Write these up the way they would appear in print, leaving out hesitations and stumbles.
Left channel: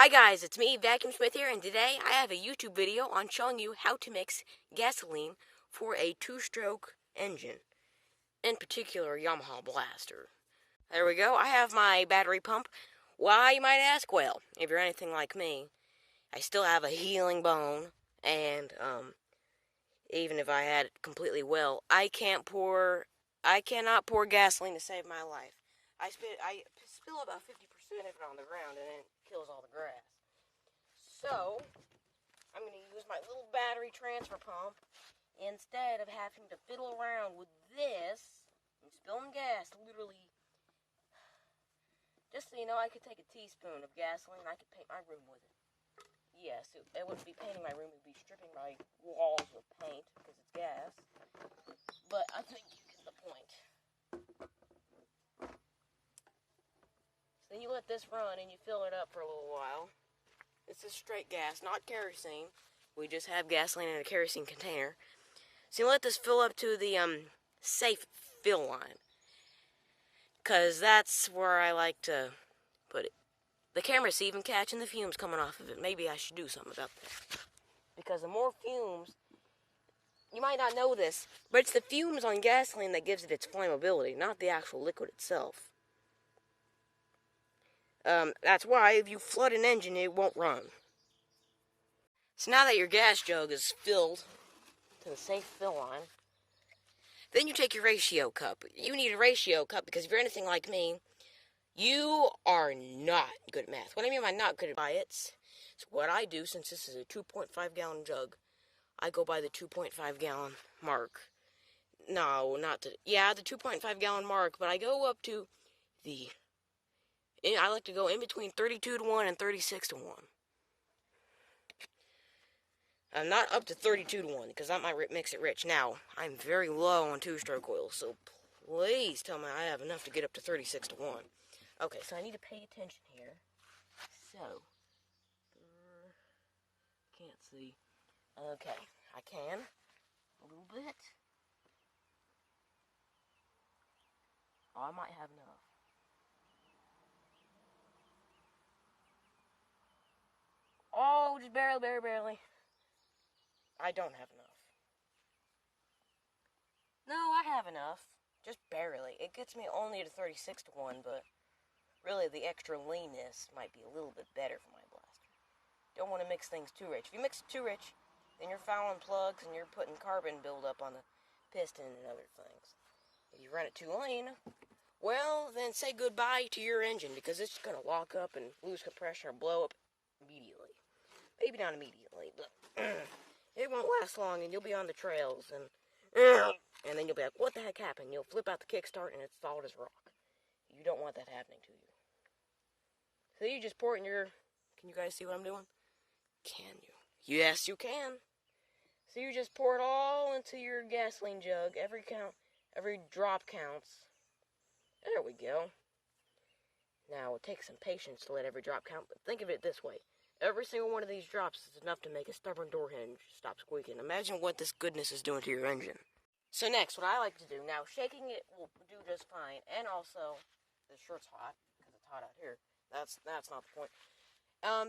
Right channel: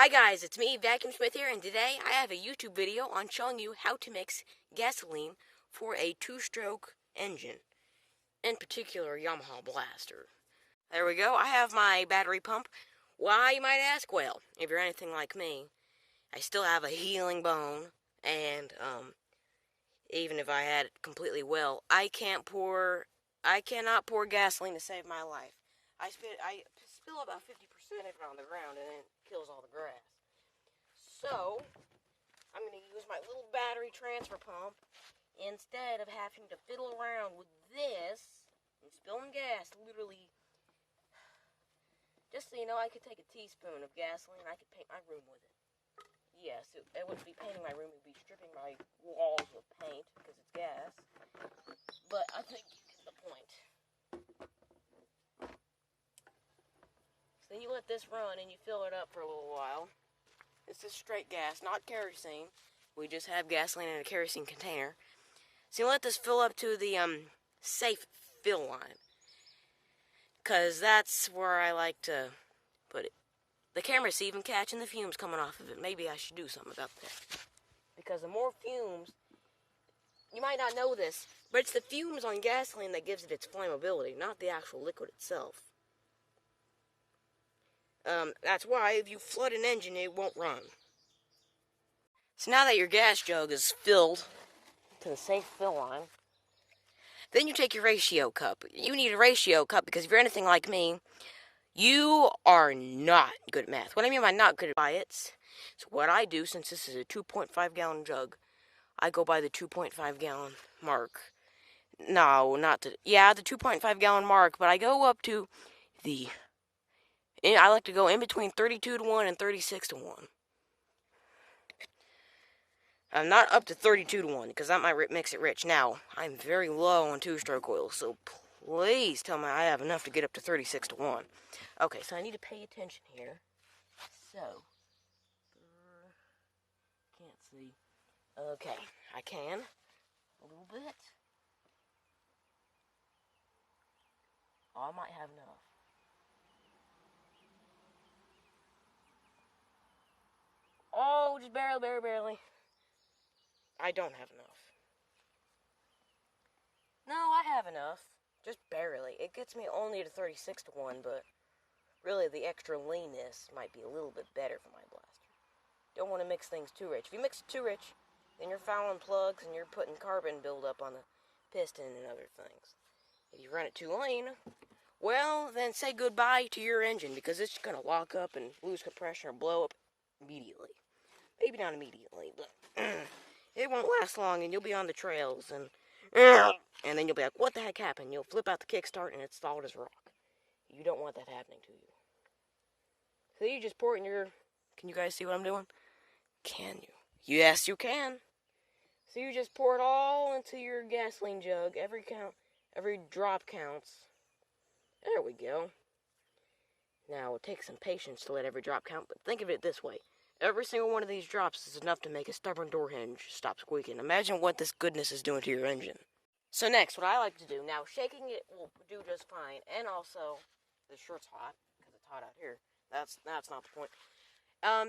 Hi guys, it's me, Vacuum Smith here, and today I have a YouTube video on showing you how to mix gasoline for a two-stroke engine, in particular Yamaha Blaster. There we go, I have my battery pump. Why, you might ask? Well, if you're anything like me, I still have a healing bone, and even if I had it completely well, I cannot pour gasoline to save my life. I spill about 50% of it on the ground, and then it kills all the grass. So, I'm going to use my little battery transfer pump instead of having to fiddle around with this and spilling gas. Literally, just so you know, I could take a teaspoon of gasoline and I could paint my room with it. Yes, it wouldn't be painting my room, it would be stripping my walls with paint because it's gas. But I think you get the point. So then you let this run and you fill it up for a little while. This is straight gas, not kerosene. We just have gasoline in a kerosene container. So you let this fill up to the safe fill line, because that's where I like to put it. The camera's even catching the fumes coming off of it. Maybe I should do something about that, because the more fumes, you might not know this, but it's the fumes on gasoline that gives it its flammability, not the actual liquid itself. That's why if you flood an engine, it won't run. So now that your gas jug is filled to the safe fill line, then you take your ratio cup. You need a ratio cup because if you're anything like me, you are not good at math. What I mean by not good at it, so what I do, since this is a 2.5 gallon jug, I go by the 2.5 gallon mark. No, not the 2.5 gallon mark, but I go up to I like to go in between 32 to 1 and 36 to 1. I'm not up to 32 to 1, because that might mix it rich. Now, I'm very low on two-stroke oil, so please tell me I have enough to get up to 36 to 1. Okay, so I need to pay attention here. So, can't see. Okay, I can. A little bit. Oh, I might have enough. Oh, just barely. I don't have enough. No, I have enough. Just barely. It gets me only to 36 to 1, but really the extra leanness might be a little bit better for my blaster. Don't want to mix things too rich. If you mix it too rich, then you're fouling plugs and you're putting carbon buildup on the piston and other things. If you run it too lean, well, then say goodbye to your engine, because it's going to lock up and lose compression or blow up immediately. Maybe not immediately, but it won't last long, and you'll be on the trails, and then you'll be like, what the heck happened? You'll flip out the kickstart, and it's stalled as rock. You don't want that happening to you. So you just pour it in your... Can you guys see what I'm doing? Can you? Yes, you can. So you just pour it all into your gasoline jug. Every drop counts. There we go. Now, it takes some patience to let every drop count, but think of it this way. Every single one of these drops is enough to make a stubborn door hinge stop squeaking. Imagine what this goodness is doing to your engine. So next, what I like to do, now shaking it will do just fine, and also, the shirt's hot, because it's hot out here. That's not the point.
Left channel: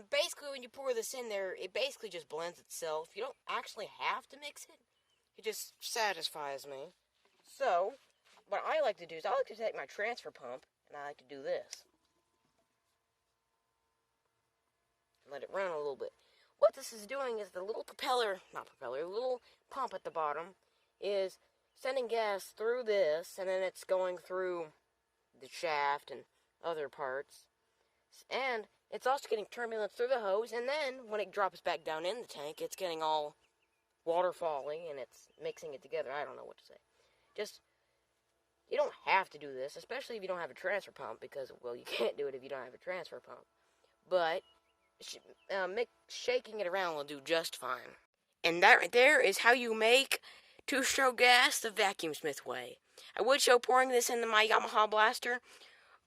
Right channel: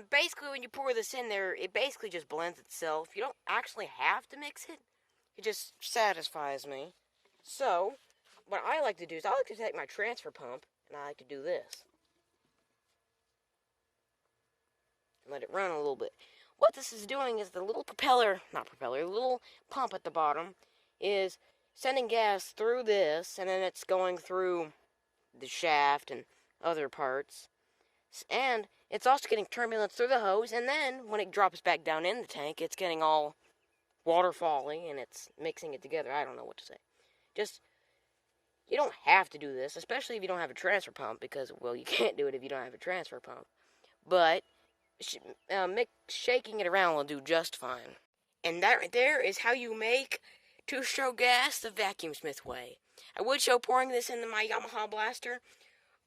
Basically, when you pour this in there, it basically just blends itself. You don't actually have to mix it. It just satisfies me. So, what I like to do is I like to take my transfer pump, and I like to do this. Let it run a little bit. What this is doing is the little little pump at the bottom is sending gas through this, and then it's going through the shaft and other parts. And it's also getting turbulence through the hose, and then when it drops back down in the tank, it's getting all waterfally, and it's mixing it together. I don't know what to say. Just, you don't have to do this, especially if you don't have a transfer pump, because, well, you can't do it if you don't have a transfer pump. But shaking it around will do just fine. And that right there is how you make two-stroke gas the Vacuum Smith way. I would show pouring this into my Yamaha Blaster,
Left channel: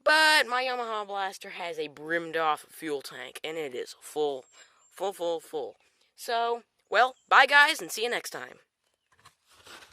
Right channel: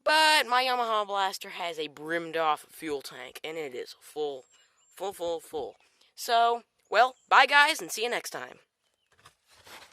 but my Yamaha Blaster has a brimmed off fuel tank, and it is full. So, well, bye guys, and see you next time.